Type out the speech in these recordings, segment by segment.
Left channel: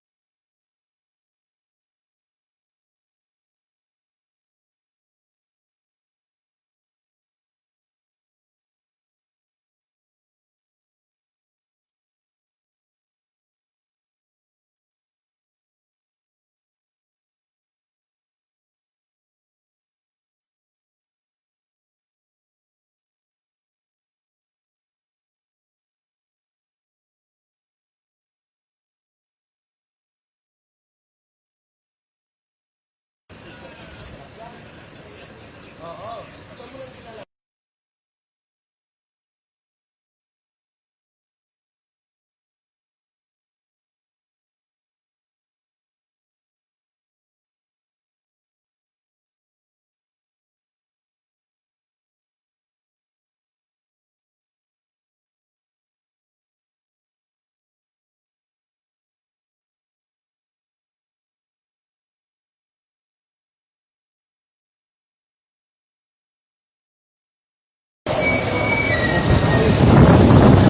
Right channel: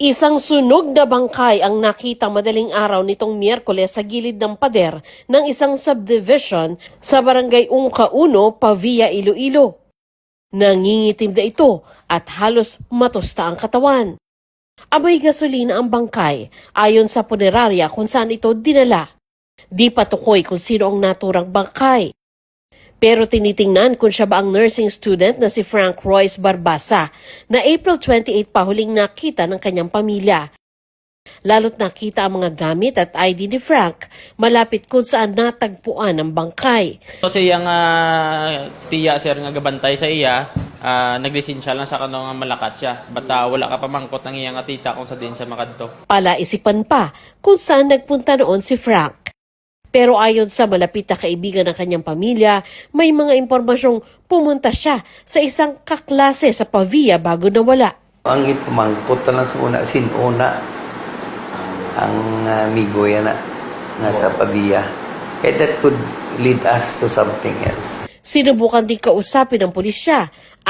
Isang sunog na bangkay ang nakita madaling araw nitong Miyerkules sa gilid ng pader ng isang subdivision sa barangay Ungca-1, Pavia, Iloilo. Nangingitim na ito at halos matusta ang katawan. Amoy gasolina ang bangkay ayon sa punerarya kung saan ito dinala. Di patukoy kung sino ang naturang bangkay. Pero tinitingnan kung siya ba ang nursing student na si Frank Royce Barbasa na April 28 pa huling nakita ng kanyang pamilya. Lalo't nakita ang mga gamit at ID ni Frank malapit kung saan natagpuan ang bangkay. Kasi yung tiya sir nga gabantay sa iya, naglisensya lang sa kanong malakat siya. Bata wala ka pamangkot ng iyang tita kung sa din sa makadto. Palaisipan pa kung saan nagpunta noon si Frank. Pero ayon sa malapit na kaibigan ng kanyang pamilya, may mga impormasyong pumunta siya sa isang kaklase sa Pavia bago nawala. Ang ipamangkot na sa una, sinuna ang amigo yan na nasa Pavia. And that could lead us to something else. Sinubukan din kausapin ng pulisya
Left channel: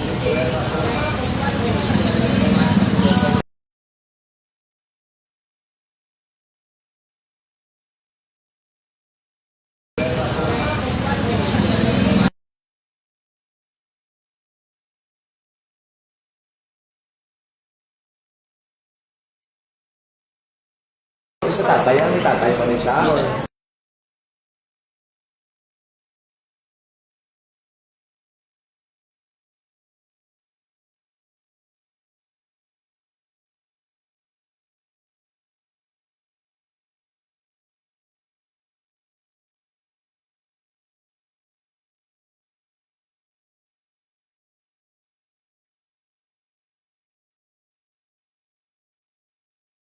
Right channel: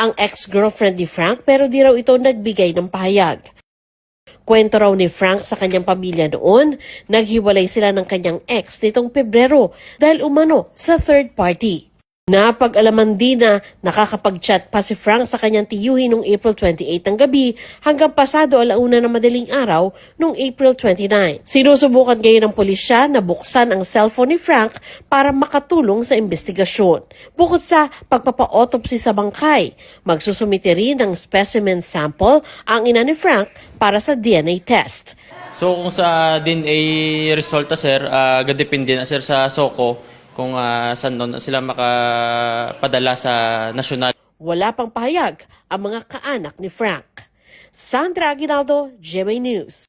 ang ex-girlfriend ni Frank pero di raw ito nagbigay ng pahayag. Kwento raw ni Frank sa kanyang pamilya noon, naghiwalay sila ng kanyang ex nitong Pebrero dahil umano sa third party. Napag-alaman din na nakakapag-chat pa si Frank sa kanyang tiyuhin noong April 28 ng gabi hanggang pasado alauna ng madaling araw noong April 29. Sinusubukan ngayon ng pulisya na buksan ang cellphone ni Frank para makatulong sa investigasyon. Bukod sa pagpapa-autopsy sa bangkay, magsusumite rin ng specimen sample ang ina ni Frank para sa DNA test. So kung sa DNA resulta sir, gadepende na sir sa SOCO kung saan doon sila makapadala sa nasyonal. Wala pang pahayag ang mga kaanak ni Frank. Sandra Aguinaldo, GMA News.